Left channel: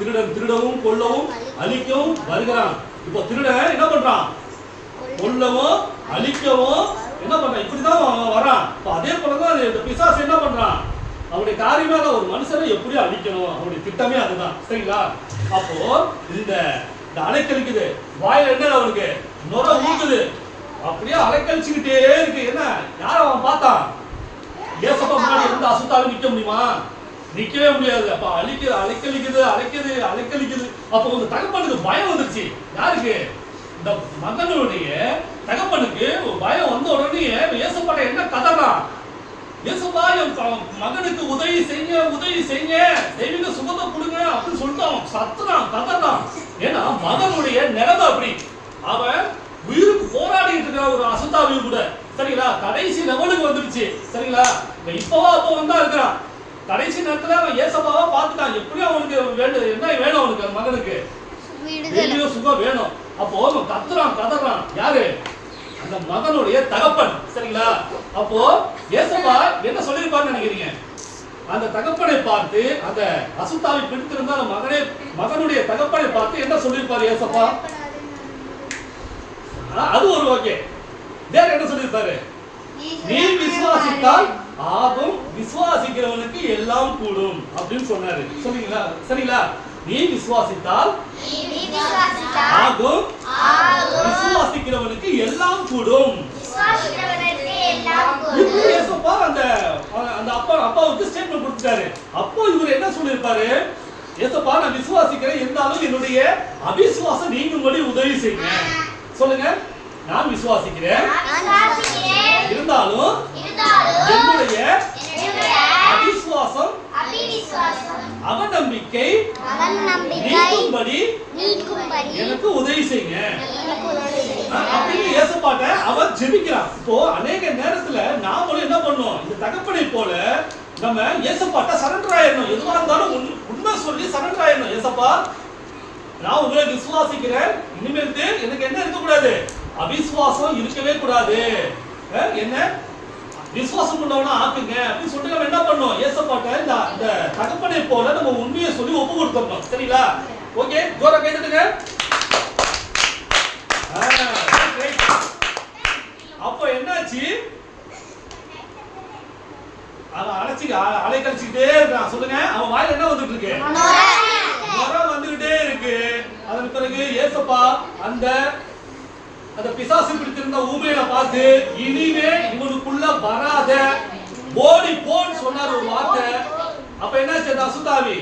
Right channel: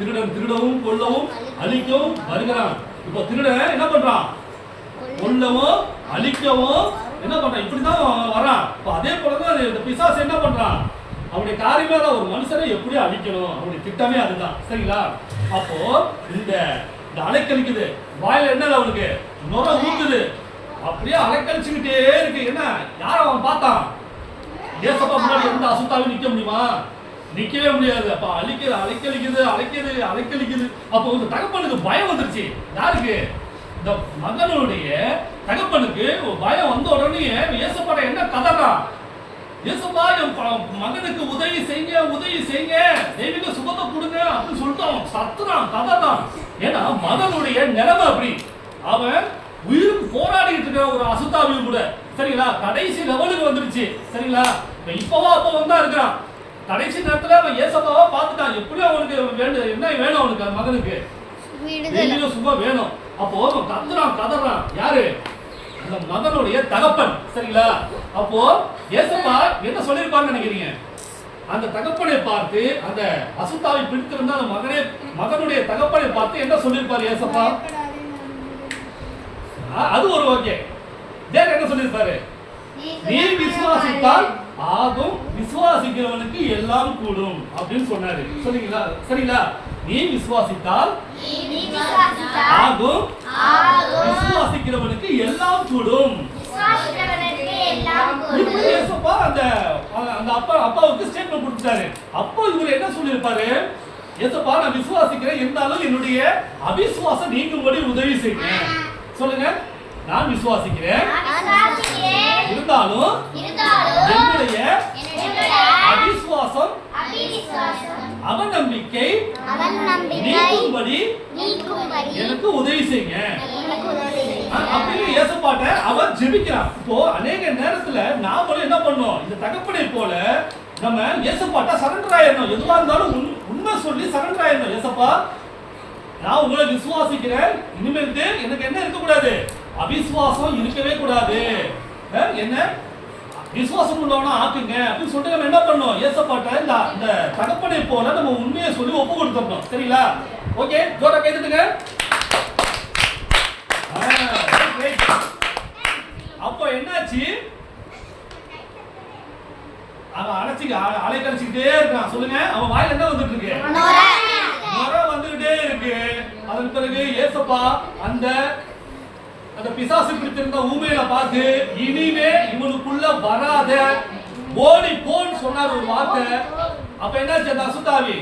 திருடன் திருடவும் கொல்லவும் அழிக்கவும் வருகிறான். இப்போ திருடன் என்ன பண்றான்? கொல்லவும் அழிக்கவும் என்ன பண்றான்? இப்படிதான் அவன் வரான். இப்போ அதே போலதான் இந்த பிசாசு என்ன பண்றான்? அவனுடைய காரியமே தான் ஒரு மனுஷனை எப்படி அழிக்கணும்? அவனுடைய திட்டமே அதுதான். சரிங்களா? அப்போ இந்த இந்த அலைக்கழிக்குது வாயில் என்ன அவனுக்கு. நுர ஊக்குது அப்படியே அலைக்கழிச்சுக்கிட்டே இருக்கு. என்ன? யார் அவன் பார்த்தான்? ஏசப்பா முன்னாடி இருந்த அசுத்தாவே நிக்க முடியுமா? நிக்கவே முடியாது. அப்ப அழிக்குது அலைக்கழிக்குது அலைக்குது அலைக்கழிக்குது. அப்போ இந்த தகப்பனுக்கு பயம் வந்துருச்சு. யாருக்கு? இந்த மகனுடைய தகப்பனுக்கு பயம் வந்த உடனே ஏசப்பாட்ட என்ன கதறா? ஏசப்பா என் மகனுக்கு உதவி செய்யுங்க உதவி செய்யுங்க தெய்வீக சுகத்தை கொடுங்க அப்படின்னு சொல்லிட்டு அவன் சத்துறான் கதறான். ஏன்னா மகனுடைய நிலைமை அப்படி. அவன் உயிருக்கு போராடிட்டு இருக்கிற ஒரு அசுத்தாவியும் கூட. சரிங்களா? கடைசி லெவலுக்கு வந்துருச்சு. சரிங்களா? இப்பவா அப்ப வந்தா இருக்கிறான் கடைசி நேரத்துல அவன் ஏசப்பாவா பார்த்துட்டான். எப்படியும் அவனுக்கு வேண்டு என்ன வேணும் அவனுக்கு? அந்த மகனுக்கு. தெய்வீக சுகம் வேணும். அப்போ அவன் கத்துறான் கதறான். யாரு? அந்த மகனுடைய தகப்பன். சரிங்களா? அப்போ ஏசப்பா என்ன சொல்லிருப்பான்னு நினைக்கிறீங்க? அந்த தகப்பனை பார்த்து அந்த அசுத்தாவை பிடித்திருந்த அந்த மகனே மகனுடைய தகப்பனை பார்த்து என்ன சொல்லிருப்பாரு ஏசப்பா? அது ஒரு ஓகே. வேற என்ன சொல்லிருப்பாரு நீ விசுவாசித்தால் ஆகும். விசுவாசிக்கிறவனுக்கு எல்லாம் கூடும் அப்படின்னு சொன்னாரு. சரிங்களா சரிங்களா நீ விசுவாசித்தால் ஆகும். விசுவாசிக்கிறவனுக்கு எல்லாம் கூடும். அந்த அந்த அப்பா அப்பாவுக்கு ஸ்டேட்மெண்ட் கொடுத்துட்டாரு. அப்போ இவர் என்ன சொல்லியிருப்பாரு? ஏசப்பா நான் விசுவாசிக்கிறேன். இருந்தாலும் என்னுடைய அவிசுவாசம் நீங்கும்படி உதவி செய்யுங்க சொல்லுங்க. நான் விசுவாசிக்கிறேன். இருந்தாலும் என்னுடைய என்னுடைய அவிசுவாசம் அவநம்பிக்கை நீக்கும்படி எனக்கு உதவி செய்யுங்க. அப்படின்னு இயேசுப்பாட்ட அவன் ஜெபிக்கிறான் இப்போ அநேக நேரத்துல நாமளும் என்ன பண்ணோம் இந்த தகப்பனை போல நம்ம இயேசுப்பாட்ட சரண்டர் ஆயிடணும். எதுவா இருந்தாலும் உண்- உண்மை சொல்லி சரண்டர் ஆயிடணும். ஏசப்பா நான் உங்களை விசுவாசிக்கிறேன். இனிமேலுக்கு எனக்கு என்ன இருக்கக்கூடாது? அவிசுவாசம் இருக்கவே கூடாது. என்ன? விசுவாசம் கொண்டவனா ஆக்குங்க அப்படின்னு சொல்லிட்டு நம்ம என்ன பண்ணோம்? ஏசப்பாட்ட இந்த இந்த தகப்பனை போல நம்ம உண்மையை சொல்லி ஒப்பு கொடுத்துடணும் சரிங்களா? ஓகே ஜோரா கை தட்டுங்க. ஆ, great. அப்போ என்னாச்சு? அவன் அழைச்சி அலை கழிச்சுக்கிட்டே இருக்கான். சொல்லுங்க. அவன் வாயில என்ன வந்துட்டு இருக்கு. நுரை வந்துகிட்டே இருக்கு. அதன் பிறகு ஏசப்பா அந்த அந்த பிசாசு பிடித்திருந்த ஊமையில பார்த்து இனிமே இவனுக்குள்ள வராத ஓடி போன்னு சொன்னார் ஒரு வார்த்தை. அப்ப என்னாச்சு அந்த அசுத்தாவி?